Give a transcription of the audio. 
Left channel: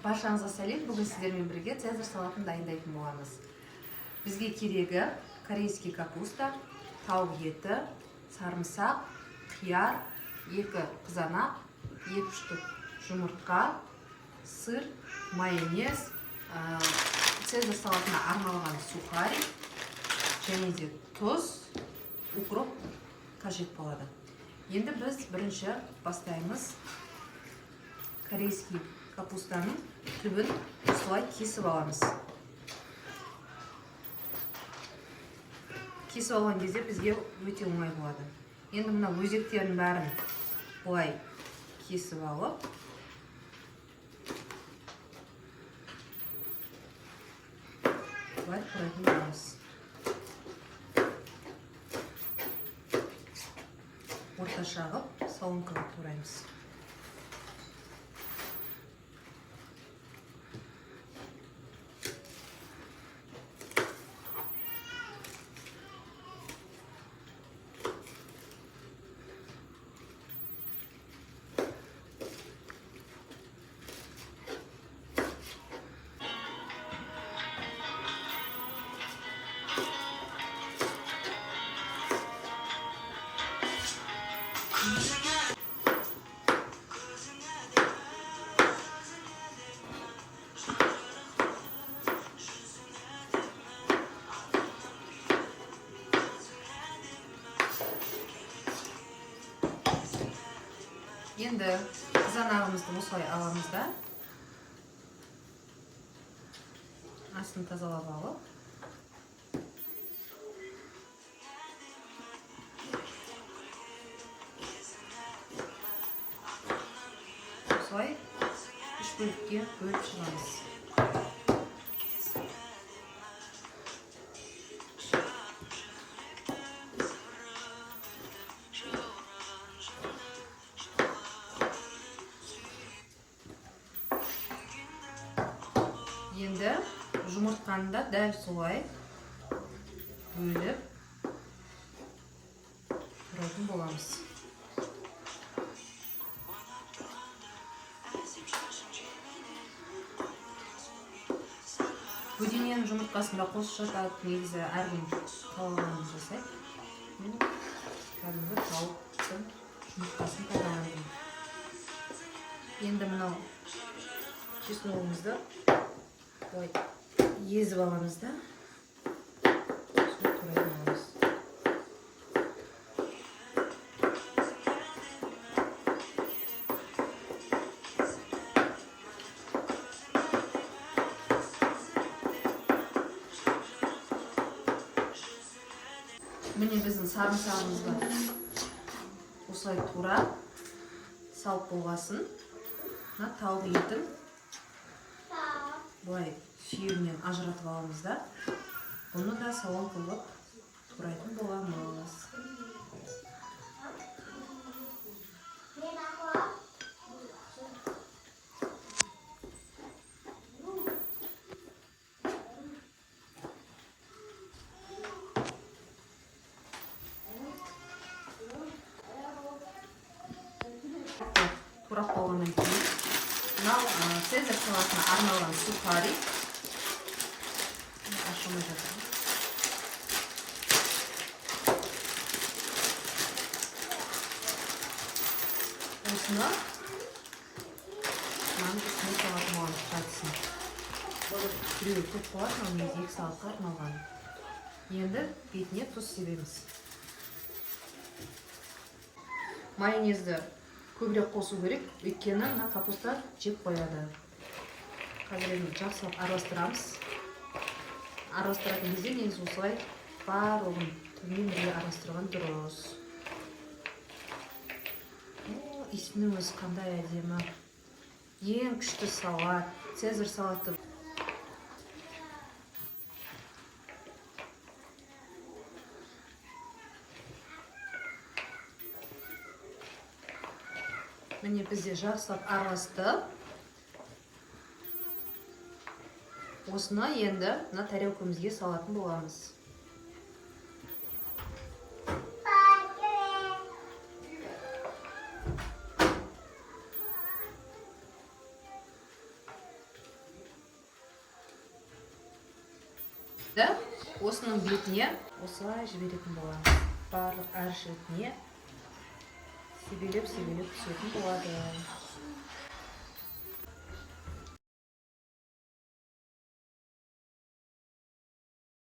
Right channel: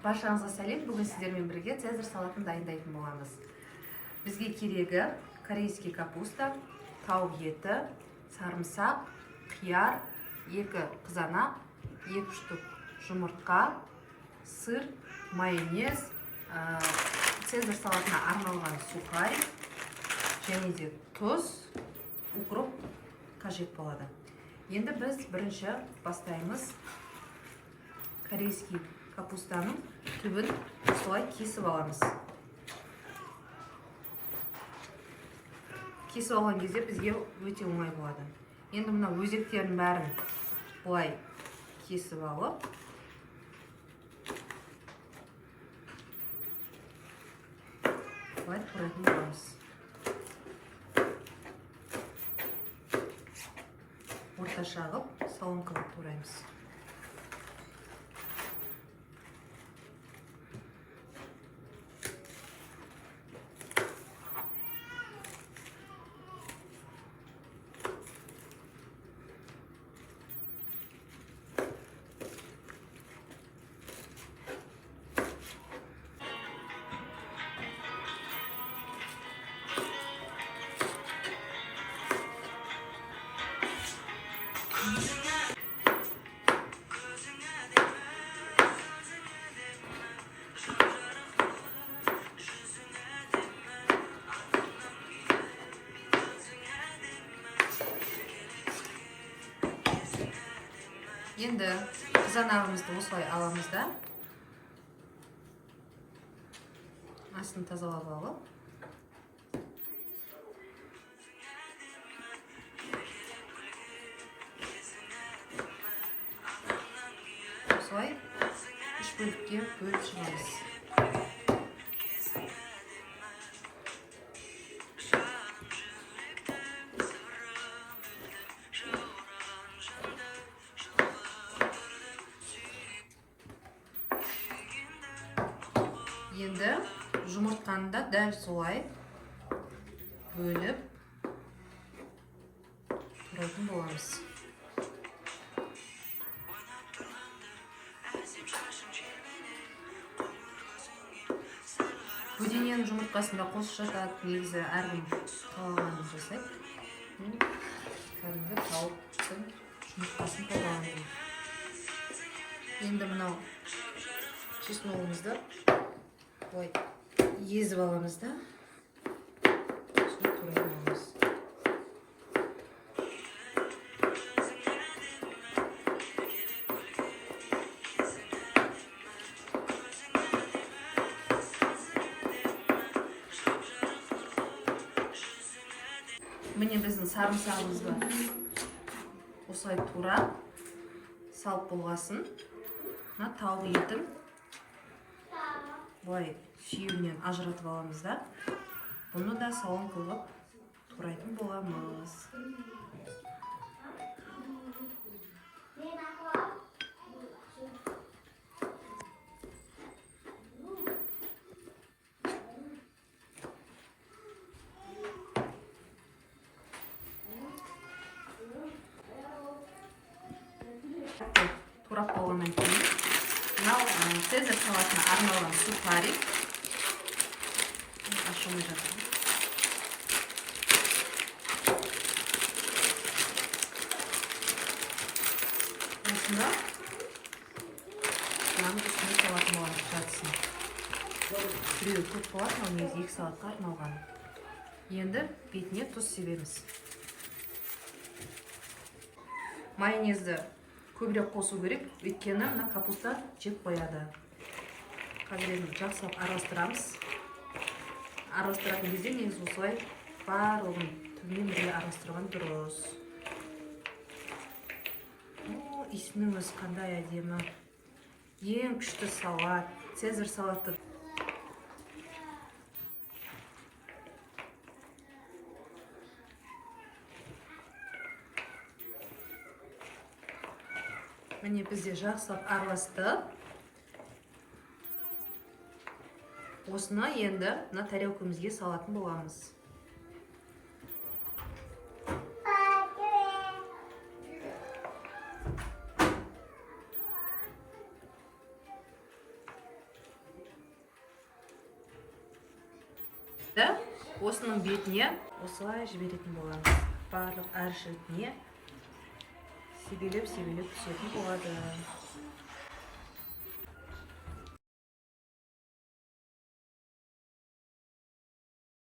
Баршаңызға сәлем. Бүгін сіздермен бірге цезарь салатын дайындайтын боламыз. Бізге керегі корейский капуста, тауық еті, сарымсақ, қияр, 2 қызанақ, 2 штук жұмыртқа, сыр, майонез, цезарь салатына арналған сухарь, және де тұз, укроп қажет болады. Енді біз бірінші бастаймыз. Корейский капустаның түбін солай кесіп аламыз. Кесіп алған кезде бізге өте оңай болады. Енді мына өзектерін бәрін бұлай кесіп алып, бұлай турайтын боламыз. Орташа ғып соломкаға тураймыз. Енді қызанағымызды осылай аламыз да, астын тазалап алып, осылай 3 бөлікке бөліп шығамыз. Енді жұмыртқаны да дәл солай бөліп тұратын боламыз. Бөдененің жұмыртқасында қосып жатады, негізі әркім қалағанын жасайды. Кәдімгі тауықтың жұмыртқасын қолданады. Енді мынау чесногымызды ой, езіп аламыз да, солай турайтын боламыз. Міне біздің сарымсағымызды осылай тура салып болғасын, тауық етін бұлай сүйегінен ажыратып аламыз да, бұны да салон қылып турайтын боламыз. Турап болғаннан кейін, мынау цезарь салатына арналған сухарь. Ашылмай жатыр. Осыны мынаның үстіне салатын боламыз жартысын. Біреуі көп болады, ал негізі 2 салатқа арналған. Енді бетіне тұз себеміз. Майонезді көбірек қосу керек, өйткені мына капуста жеп қояды. Қазір енді жақсылап араластырамыз. Араластыратын кезде негізі осылай барлығын түбімен бірге араластырған дұрыс. Исінің өзі қандай әдемі. Ең күшті салат, цезарь салаты. Міне бізде жақсылап араласты. Осыны енді мына тарелкамызге салатын боламыз. осының бетіне осылай жіберетін боламыз. Барлық әр шетіне себелеп түсетін болады.